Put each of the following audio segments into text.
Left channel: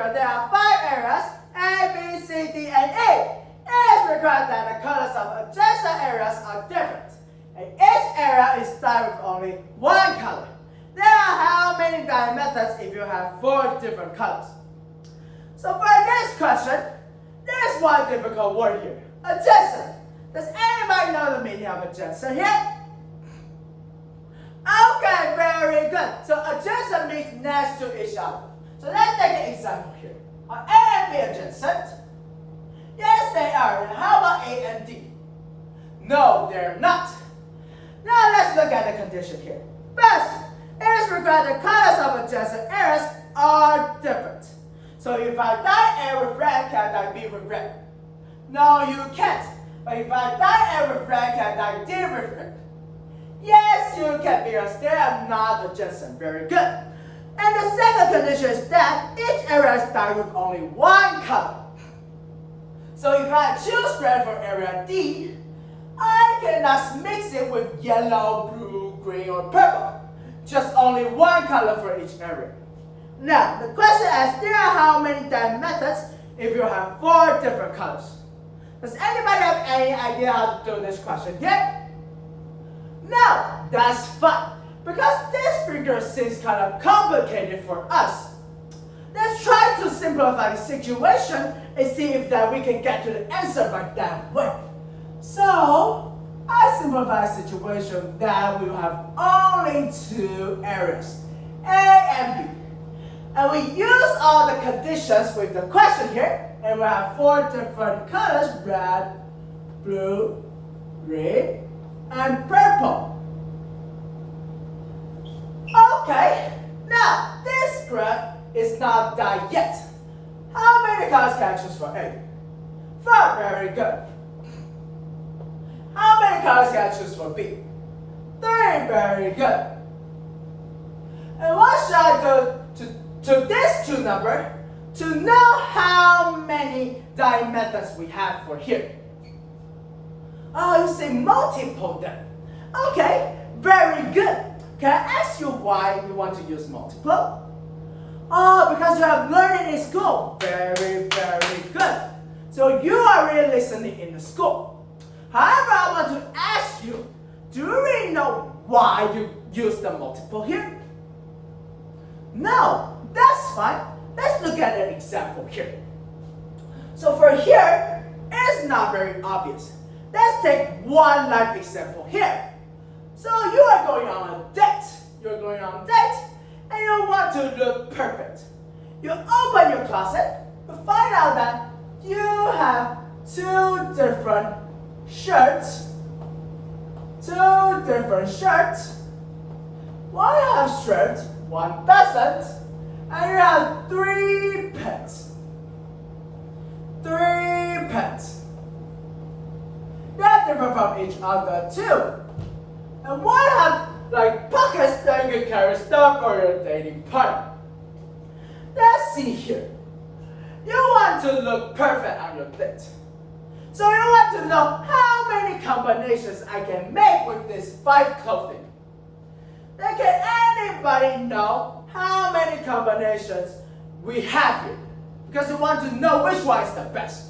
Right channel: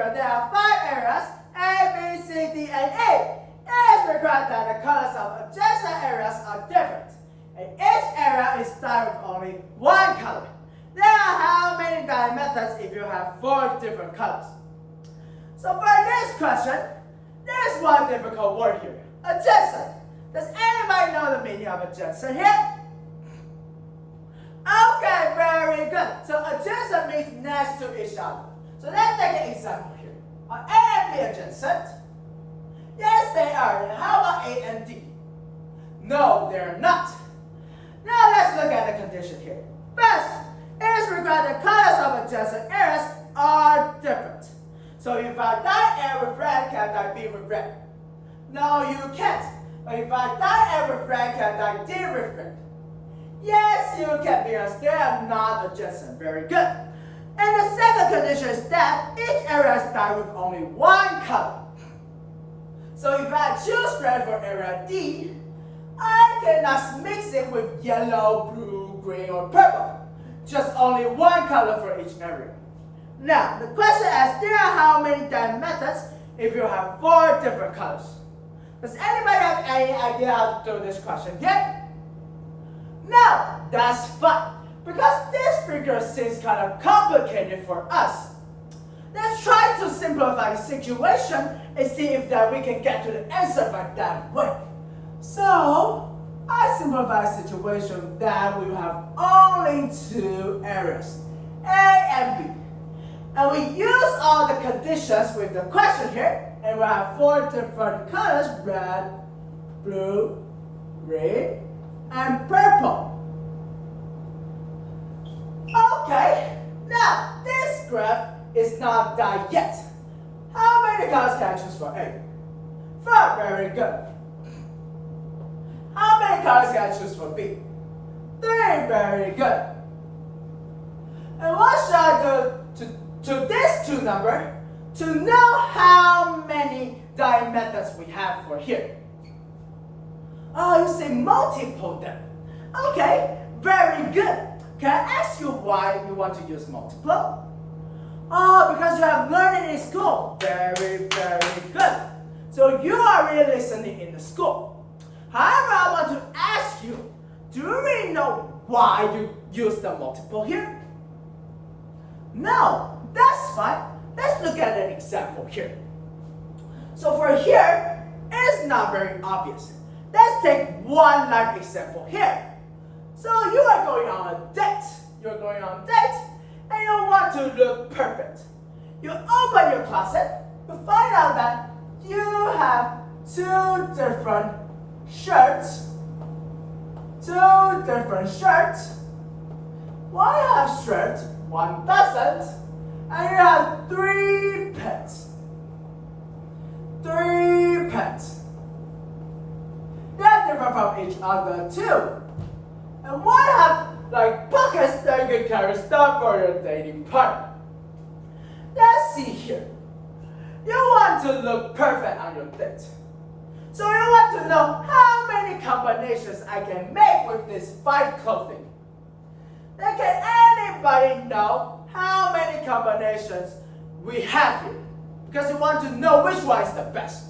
figure there are 5 areas, A, B, C, D, and E. It is required that the colors of adjacent areas are different, and each area is dyed with only one color. There are how many dye methods if you have 4 different colors? So for this question, there's one difficult word here, adjacent. Does anybody know the meaning of adjacent here? Okay, very good. So adjacent means next to each other. So let's take an example here. Are A and B adjacent? Yes, they are. And how about A and D? No, they're not. Now let's look at the condition here. First, it is required the colors of adjacent areas are different. So if I dye A with red, can I dye B with red? No, you can't. But if I dye A with red, can I dye D with red? Yes, you can, because they are not adjacent. Very good. And the second condition is that each area is dyed with only one color. So if I choose red for area D, I cannot mix it with yellow, blue, green, or purple. Just only one color for each area. Now, the question asks, there are how many dye methods if you have 4 different colors? Does anybody have any idea how to do this question yet? No, that's fine, because this figure seems kind of complicated for us. Let's try to simplify the situation and see if that we can get to the answer by that way. So, I simplify the situation that we will have only 2 areas, A and B. And we use all the conditions with the question here, and we have 4 different colors, red, blue, green, and purple. Okay, now this graph is not dyed yet. How many colors can I choose for A? 4, very good. How many colors can I choose for B? 3, very good. And what should I do to these 2 numbers to know how many dye methods we have for here? Oh, you say multiple them. Okay, very good. Can I ask you why you want to use multiple? Oh, because you have learned it in school. Very, very good. So you are really listening in the school. However, I want to ask you, do you really know why you use the multiple here? No, that's fine. Let's look at an example here. So for here, it's not very obvious. Let's take one life example here. So you are going on a date. You're going on a date and you want to look perfect. You open your closet, you find out that you have 2 different shirts. 2 different shirts. One has shirts, one doesn't. And you have 3 pants. 3 pants. They are different from each other too. And one have like pockets that you can carry stuff for your dating partner. Let's see here. You want to look perfect on your date. So you want to know how many combinations I can make with this 5 clothing. Then can anybody know how many combinations we have here? Because you want to know which one is the best.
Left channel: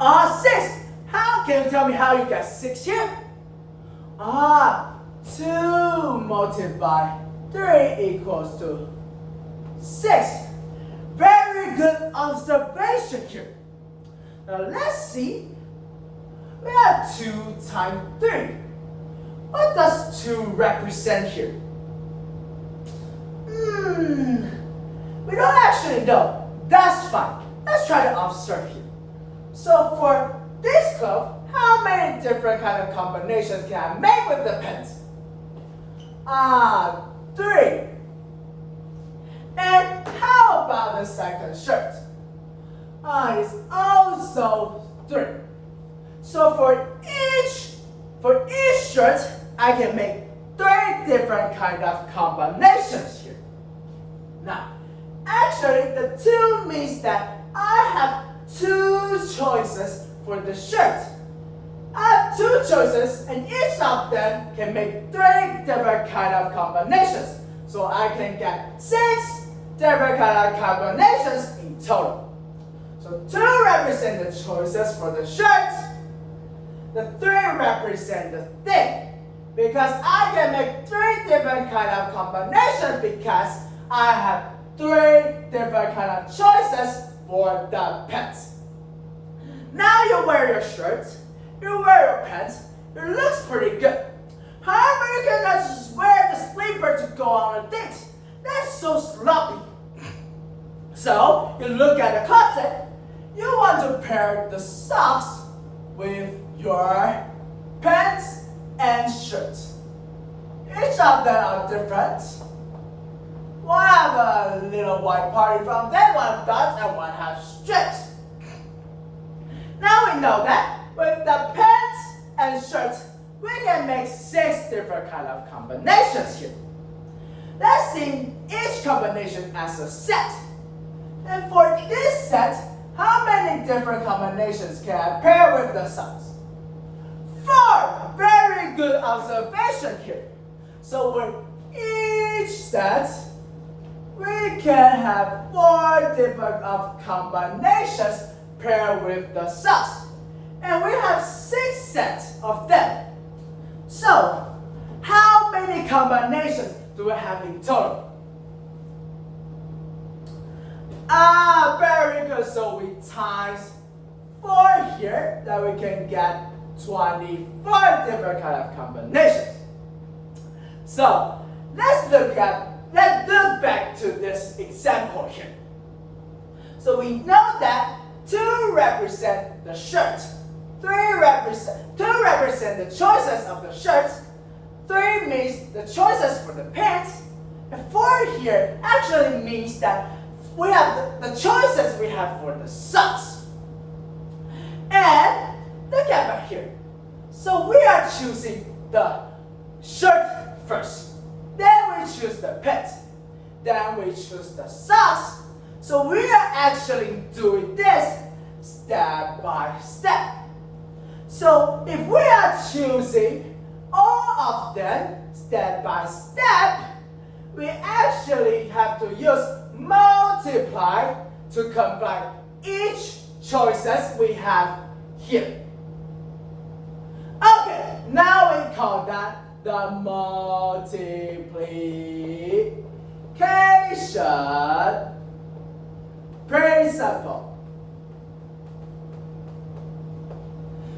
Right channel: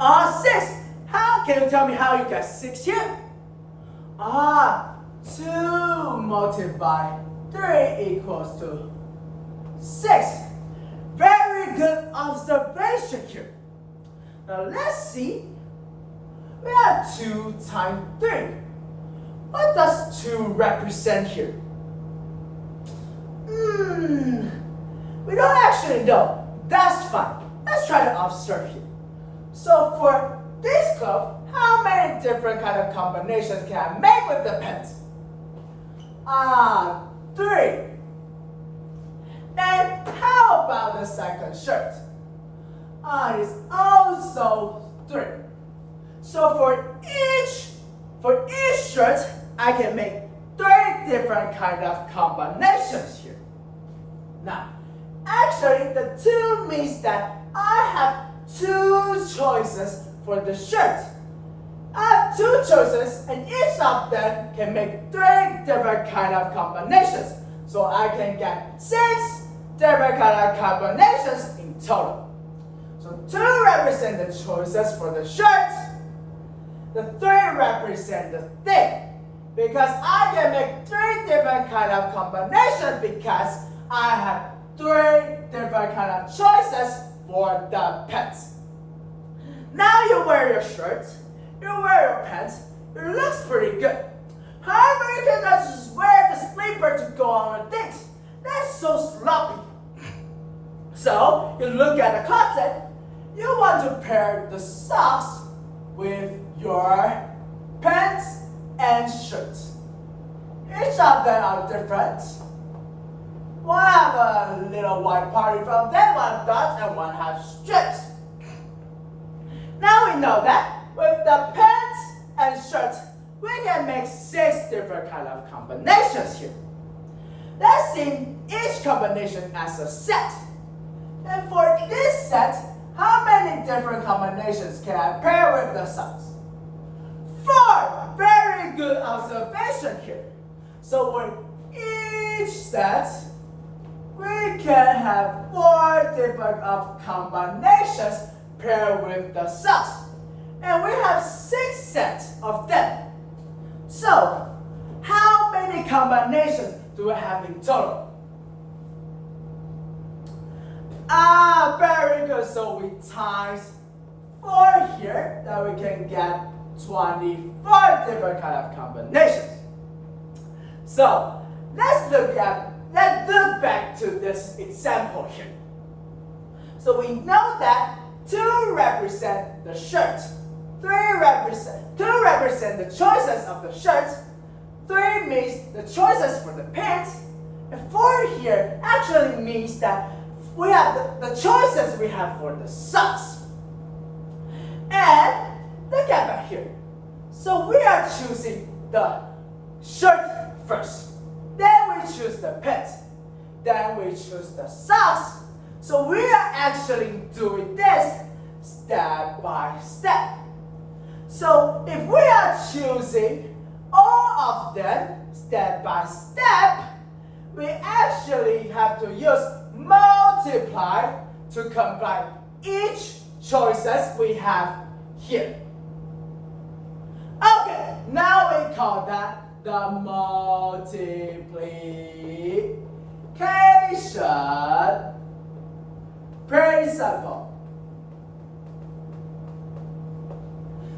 6. How can you tell me how you get 6 here? 2 multiplied by 3 equals to 6. Very good observation here. Now let's see. We have 2 times 3. What does 2 represent here? We don't actually know. That's fine. Let's try to observe here. So for this cloth, how many different kind of combinations can I make with the pants? 3. And how about the second shirt? It's also 3. So for each shirt, I can make 3 different kind of combinations here. Now, actually, the 2 means that I have 2 choices for the shirt. I have 2 choices, and each of them can make 3 different kind of combinations. So I can get 6 different kind of combinations in total. So 2 represent the choices for the shirt. The 3 represent the thing. Because I can make 3 different kind of combinations because I have 3 different kind of choices for the pants. Now you wear your shirt, you wear your pants, it looks pretty good. However, you cannot just wear the sleeper to go on a date. That's so sloppy. So, you look at the closet, you want to pair the socks with your pants and shirts. Each of them are different. One have a little white party from them, one dots, and one have strips. Now we know that with the pants and shirts, we can make 6 different kind of combinations here. Let's see each combination as a set. And for this set, how many different combinations can I pair with the socks? 4! Very good observation here. So with each set, we can have 4 different combinations paired with the socks. And we have 6 sets of them. So, how many combinations do we have in total? Very good. So we times 4 here, that we can get 24 different kind of combinations. So let's look back to this example here. So we know that 2 represent the shirt, 2 represent the choices of the shirt, 3 means the choices for the pants, and 4 here actually means that we have the choices we have for the socks. And look at back here. So we are choosing the shirt first. Then we choose the pants. Then we choose the socks. So we are actually doing this step by step. So if we are choosing all of them step by step, we actually have to use multiply to combine each choices we have here. Okay, now we call that the multiplication principle.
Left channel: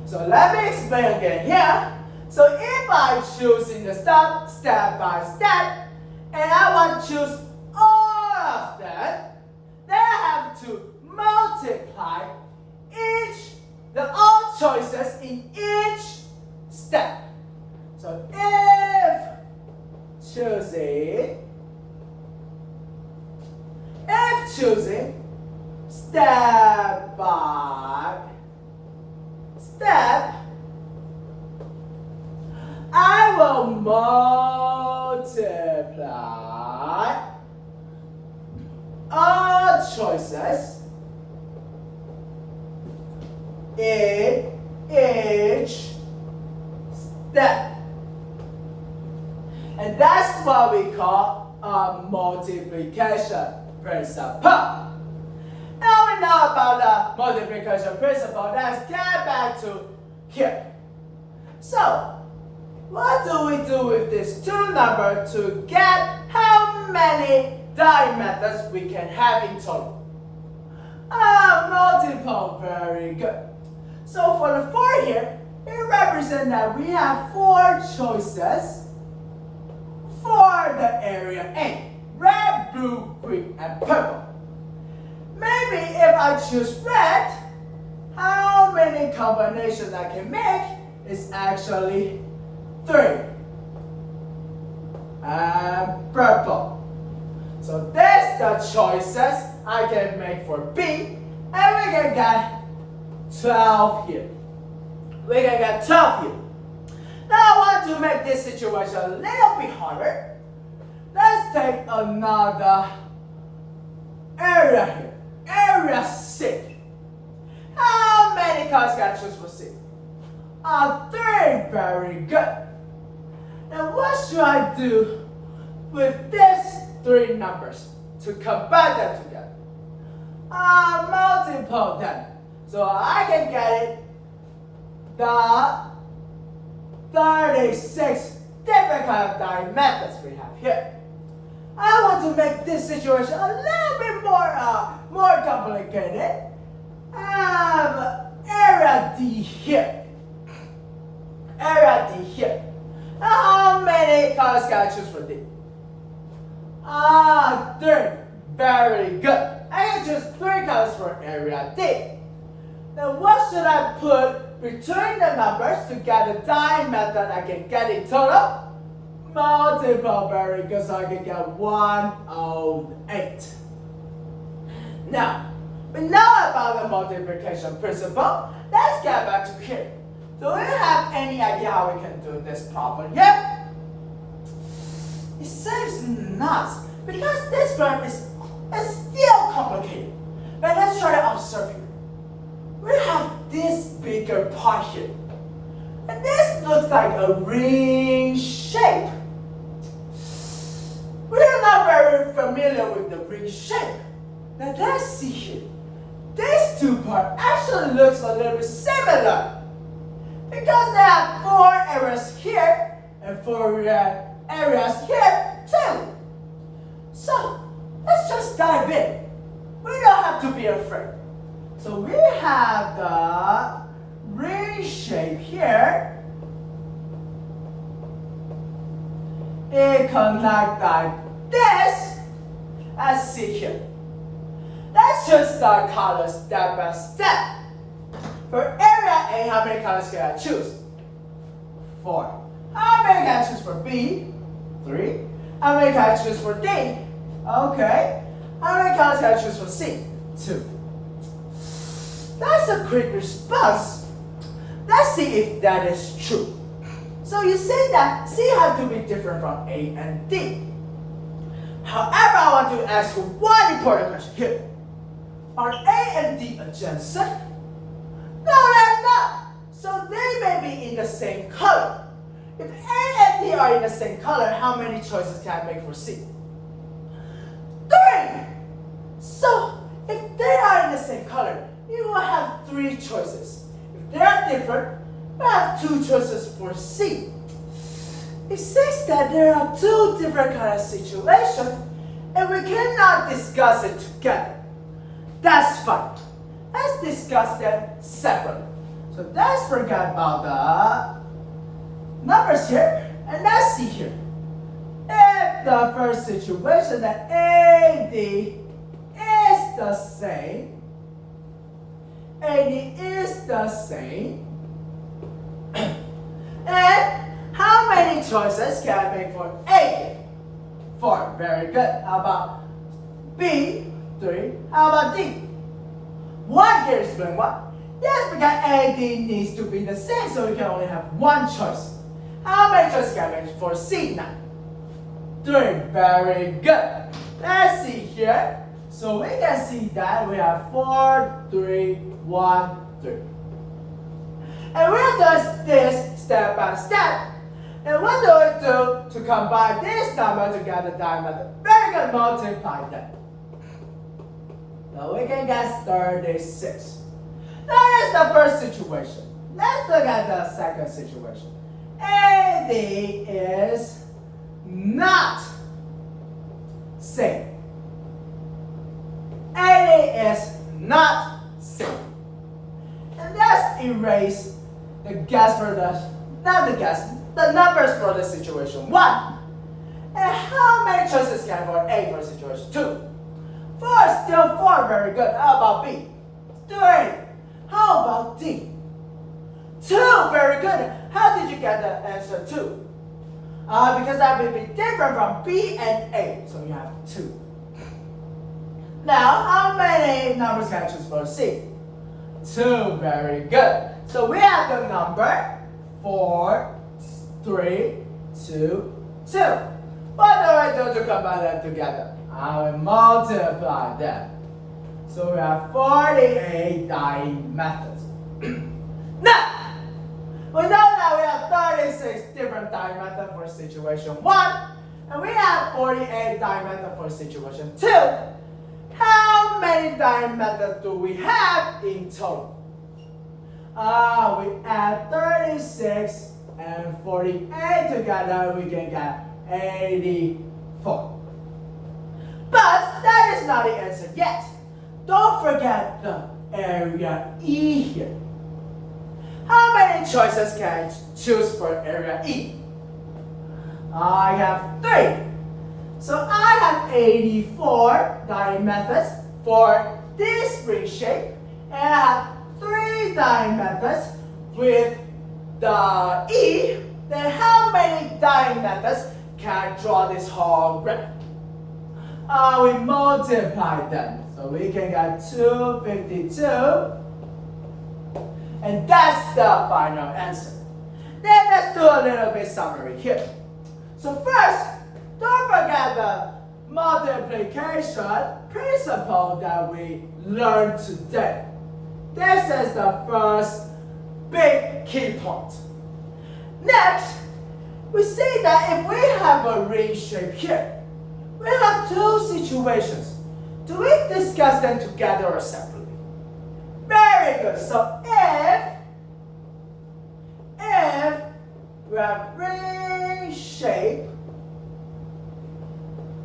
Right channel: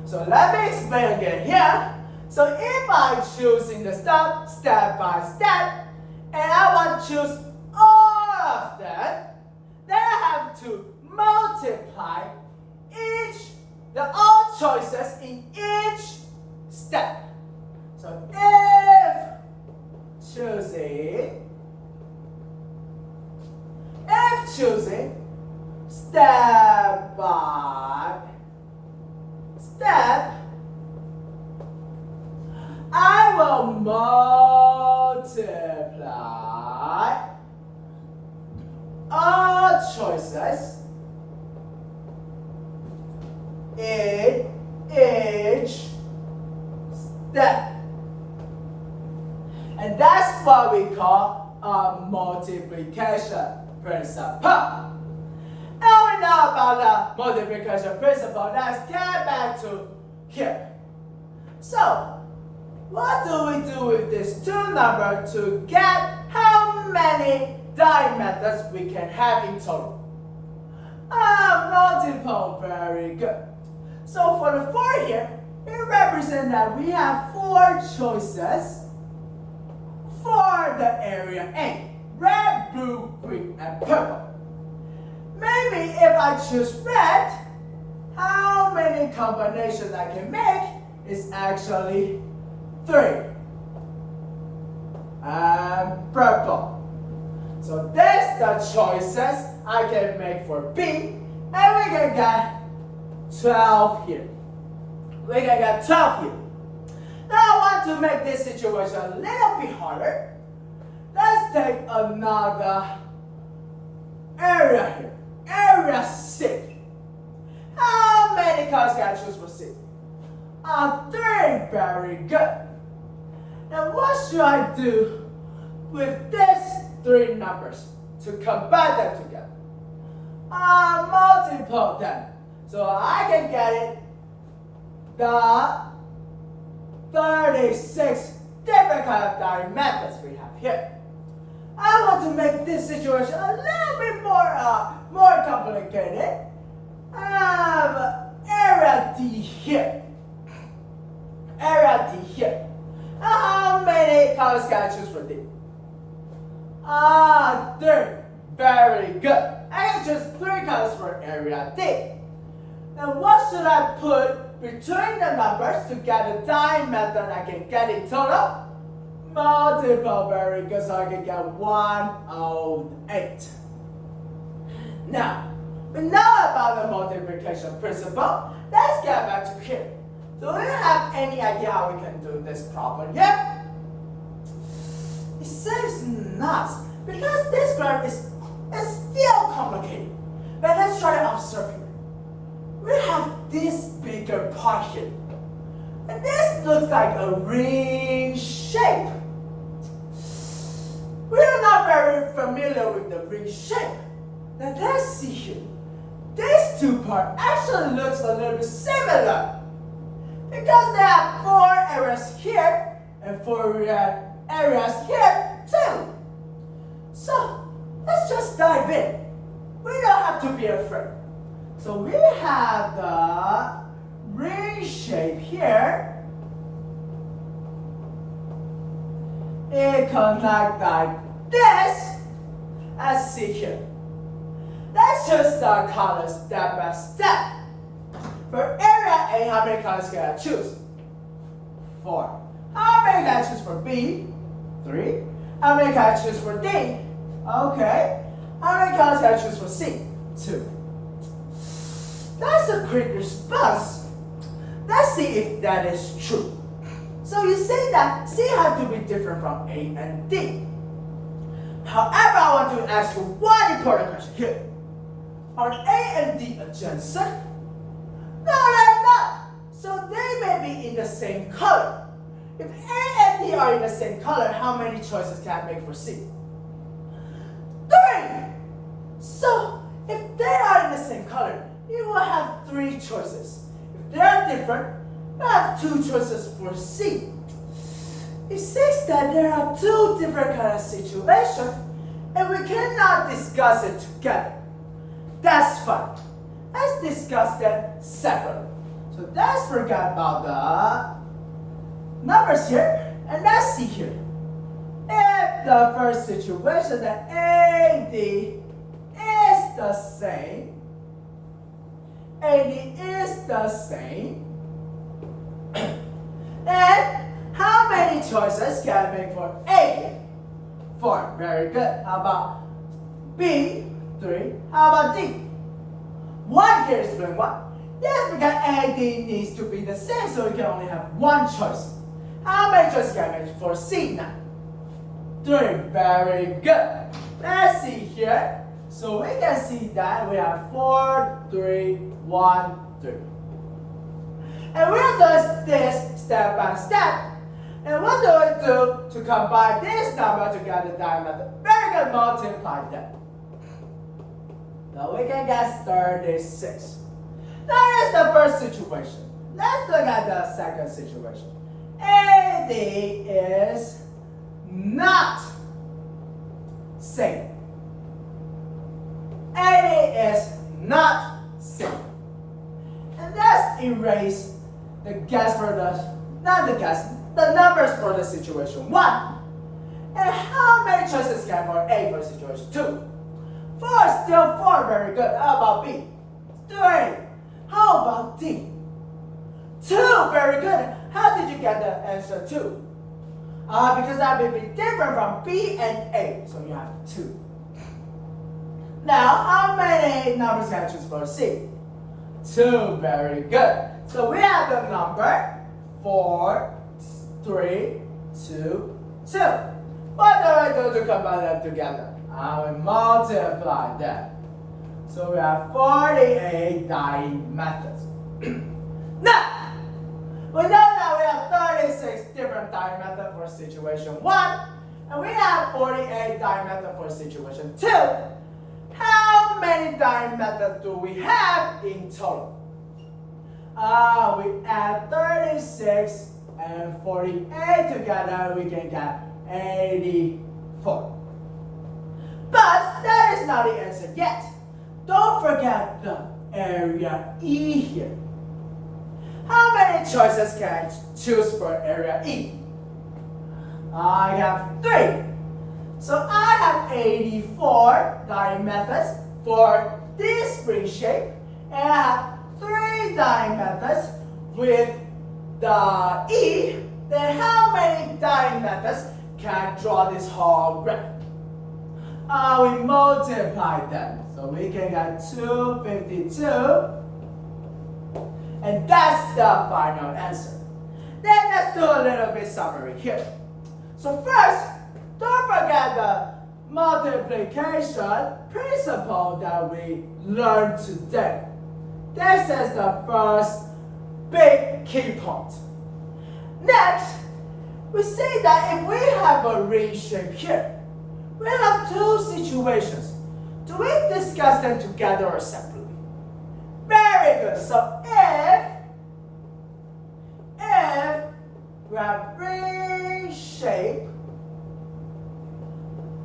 So let me explain again here. So if I choose in the step by step, and I want to choose all of them, then I have to multiply all choices in each step. So if choosing step by step, I will multiply all choices in each step. And that's what we call a multiplication principle. Now we know about the multiplication principle. Let's get back to here. So, what do we do with these 2 numbers to get how many die methods we can have in total? Multiple, very good. So for the 4 here, it represents that we have 4 choices for the area A. Red, blue, green, and purple. Maybe if I choose red, how many combinations I can make is actually 3. And purple. So that's the choices I can make for B. And we can get 12 here. We can get 12 here. Now I want to make this situation a little bit harder. Let's take another area here. Area C. How many colors can I choose for C? 3, very good. Now what should I do with these 3 numbers? to combine them together. I multiply them. So I can get it the 36 different kind of diet methods we have here. I want to make this situation a little bit more complicated. I have area D here. Area D here. How many colors can I choose for D? 3. Very good. I can choose 3 colors for area D. Now what should I put between the numbers to get the dye method I can get in total? Multiply, very good, so I can get 108. Now, we know about the multiplication principle. Let's get back to here. Do you have any idea how we can do this problem yet? It seems not, because this one is still complicated. But let's try to observe here. We have this bigger part here. And this looks like a ring shape. We are not very familiar with the ring shape. Now let's see here. These two parts actually looks a little bit similar. Because they have 4 areas here and 4 areas here too. So let's just dive in. We don't have to be afraid. So we have the ring shape here. It connects like this. Let's see here. Let's just start colors step by step. For area A, how many colors can I choose? 4. How many can I choose for B? 3. How many can I choose for D? Okay. How many colors can I choose for C? 2. That's a quick response. Let's see if that is true. So you say that C has to be different from A and D. However, I want to ask you one important question here. Are A and D adjacent? No, they're not. So they may be in the same color. If A and D are in the same color, how many choices can I make for C? 3. So if they are in the same color, you will have 3 choices. If they are different, we have 2 choices for C. It says that there are 2 different kind of situations, and we cannot discuss it together. That's fine. Let's discuss them separately. So let's forget about the numbers here, and let's see here. If the first situation that AD is the same, AD is the same, and how many choices can I make for A? 4. Very good. How about B? 3. How about D? 1 can explain why. Yes, because AD needs to be the same, so we can only have 1 choice. How many choices can I make for C now? 3. Very good. Let's see here. So we can see that we have 4, 3, 1, 3. And we'll do this step by step. And what do we do to combine this number to get the diameter? Very good, multiply them. Now we can get 36. That is the first situation. Let's look at the second situation. AD is not same. AD is not same. And let's erase the guess for the numbers for the situation 1. And how many choices can I for A for situation 2? 4 is still 4, very good. How about B? 3. How about D? 2, very good. How did you get the answer 2? Because that will be different from B and A, so you have 2. Now, how many numbers can I choose for C? 2, very good. So we have the number 4, 3, 2, 2. What do I do to combine them together? I will multiply them. So we have 48 dying methods. Now, we know that we have 36 different dying methods for situation 1. And we have 48 diameter for situation 2. How many diameters do we have in total? We add 36 and 48 together, we can get 84. But that is not the answer yet. Don't forget the area E here. How many choices can I choose for area E? I have 3. So I have 84 diameters for this spring shape, and I have 3 diameters with the E. Then how many diameters can I draw this whole graph? We multiply them, so we can get 252, and that's the final answer. Then let's do a little bit summary here. So first, don't forget the multiplication principle that we learned today. This is the first big key point. Next, we say that if we have a ring shape here, we have 2 situations. Do we discuss them together or separately? Very good. So if we have ring shape,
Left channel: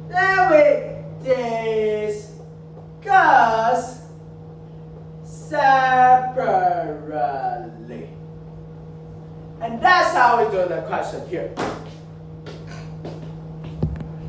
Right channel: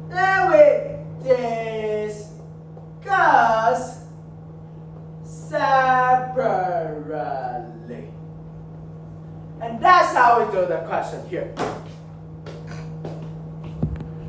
then we discuss separately. And that's how we do the question here.